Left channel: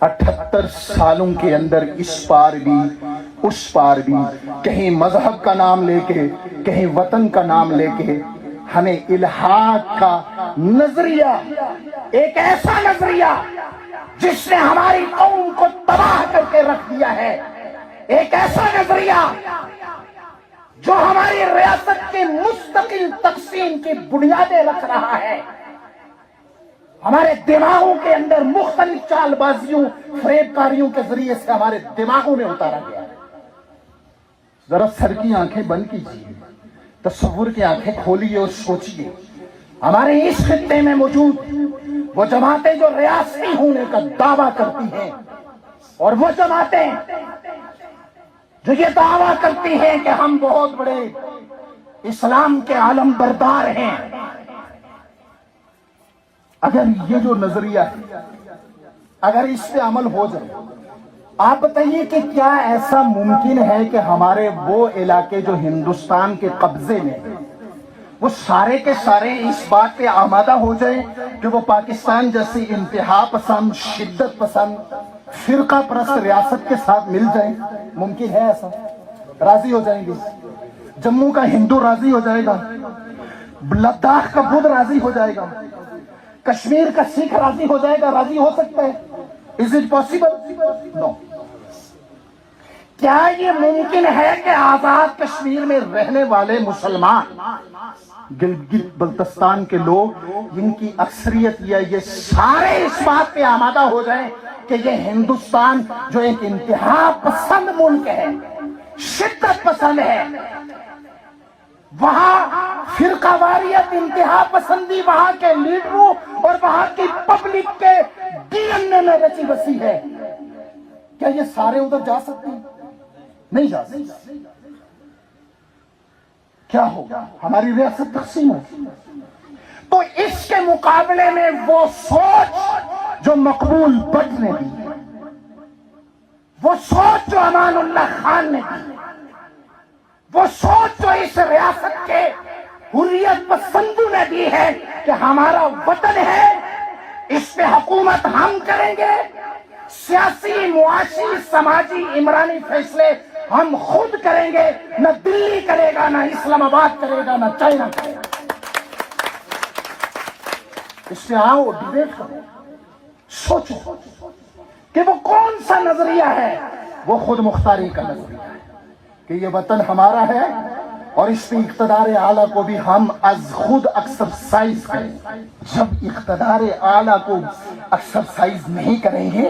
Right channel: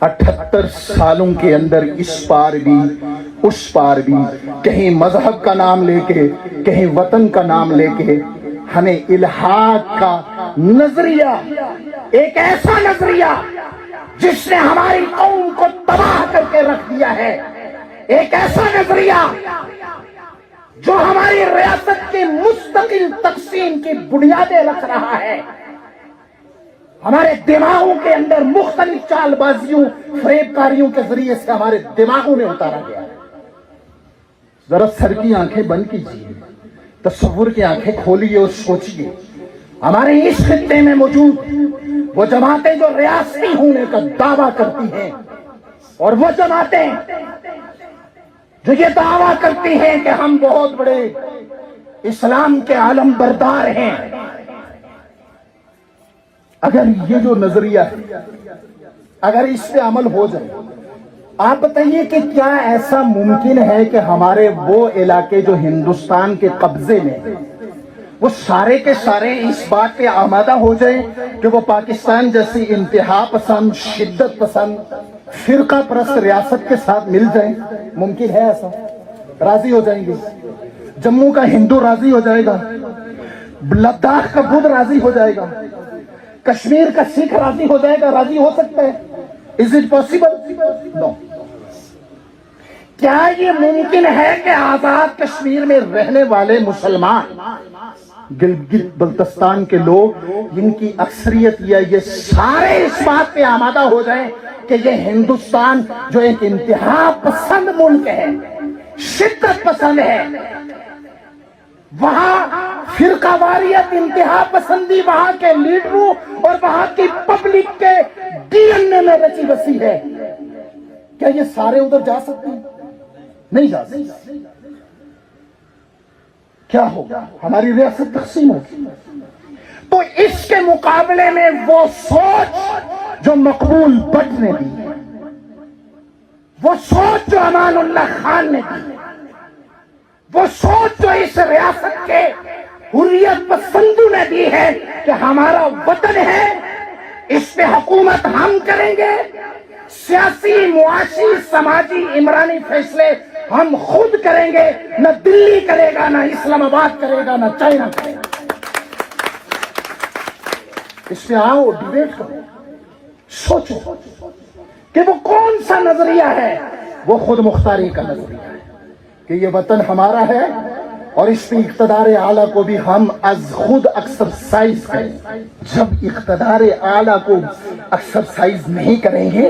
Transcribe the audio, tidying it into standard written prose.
78 سالوں کے اندر اس پار بھی اس پار بھی کہیں مذہب کا نام لے کے کہیں وطن کا نام لے کے ہمیں الحاق کا نظریہ، ایک ایسا نظریہ جس نے ہماری قوم کو تباہ کر کے رکھ دیا ہے، ایک ایسا نظریہ جو ہماری ریاست کی مستقل تقسیم کی بنیادیں رکھ رہا ہے، ہمارے دماغوں کے اندر مختلف چال بازیوں فریب کاریوں کے ذریعے سے ہمارے دماغوں میں اتارا گیا ہے۔ ذرا سر کی آنکھیں بند کیجیے، تصور کی آنکھیں کھولیے اور سوچیے، ہمارے اس خطے میں موجود وہ جماعتیں جو ریاستی ہونے کا دعویٰ کرتی ہیں، اور وہ جماعتیں جو یہ دعویٰ کرتی ہیں کہ ہم بہت بڑے اسلام کے علم بردار ہیں، اگر یہ جو نظریہ ہے اگر اس پہ عمل ہو جائے، آپ بتائیے کہ کیا ایسا ممکن ہے کہ ہمارے وہ علاقے جو ہندوستان کے قبضے میں وہ سارے کے سارے اس بات پہ آمادہ ہو جائیں کہ وہ پاکستان جیسی انتہا پسند، شدت پسند، فرقہ پرست ریاست کے ساتھ مل جائیں؟ ممکن ہے ایسا؟ راضی ہو جائیں گے؟ جموں کا ہندو راضی ہو جائے گا؟ لداخ کا بدھ راضی ہو جائے گا؟ کشمیر کا سکھ راضی ہو جائے گا؟ راضی ہو سکتا ہے؟ Is it possible? No. کیا یہ ممکن ہے کہ آزاد کشمیر میں رہنے والے مسلمان، گلگت بلتستان کے لوگ، جن کی اکثریت یہ سارے اس بات پہ آمادہ ہو جائیں کہ یہ ہندوستان جو ایک انتہا پسند ملک ہے، شدت پسند ہے، وہاں فرقہ واریت، انتہا پسندی وہاں کے لیڈروں اور وہاں کی پبلک کے ڈی این اے میں رچی بسی ہے، کیا یہ سارے ادھر جا سکتے ہیں؟ نہیں جا سکتے۔ کیا ہوگا؟ ہماری ریاست تقسیم ہوگی۔ تو اس کے مقابلے میں وہ سوچ جو مقبول بٹ نے دی، وہ سوچ جو امان اللہ خان نے دی، وہ سوچ جو اس ریاست کے حریت پسندوں نے دی ہے کہ ہمارا وطن ہے، اس پہ حکومت ہم کریں گے، سیاسی، معاشی، سماجی، عمرانی فیصلے ہم خود کریں گے، نہ دلی کرے گا، نہ اسلام آباد کرے گا، نہ چائنا کرے گا۔ اس پہ آؤ، ڈیبیٹ کرو، سوچو کہ وہ کون سا نظریہ ہے۔ وہ خود مختاری کا نظریہ ہے کہ یہ وطن ہمارا ہے اور اس پہ اقتدار اعلیٰ کو بھی ہم از خود ایکسرسائز کریں۔ جب اقتدار اعلیٰ کو ایکسرسائز نہیں کریں گے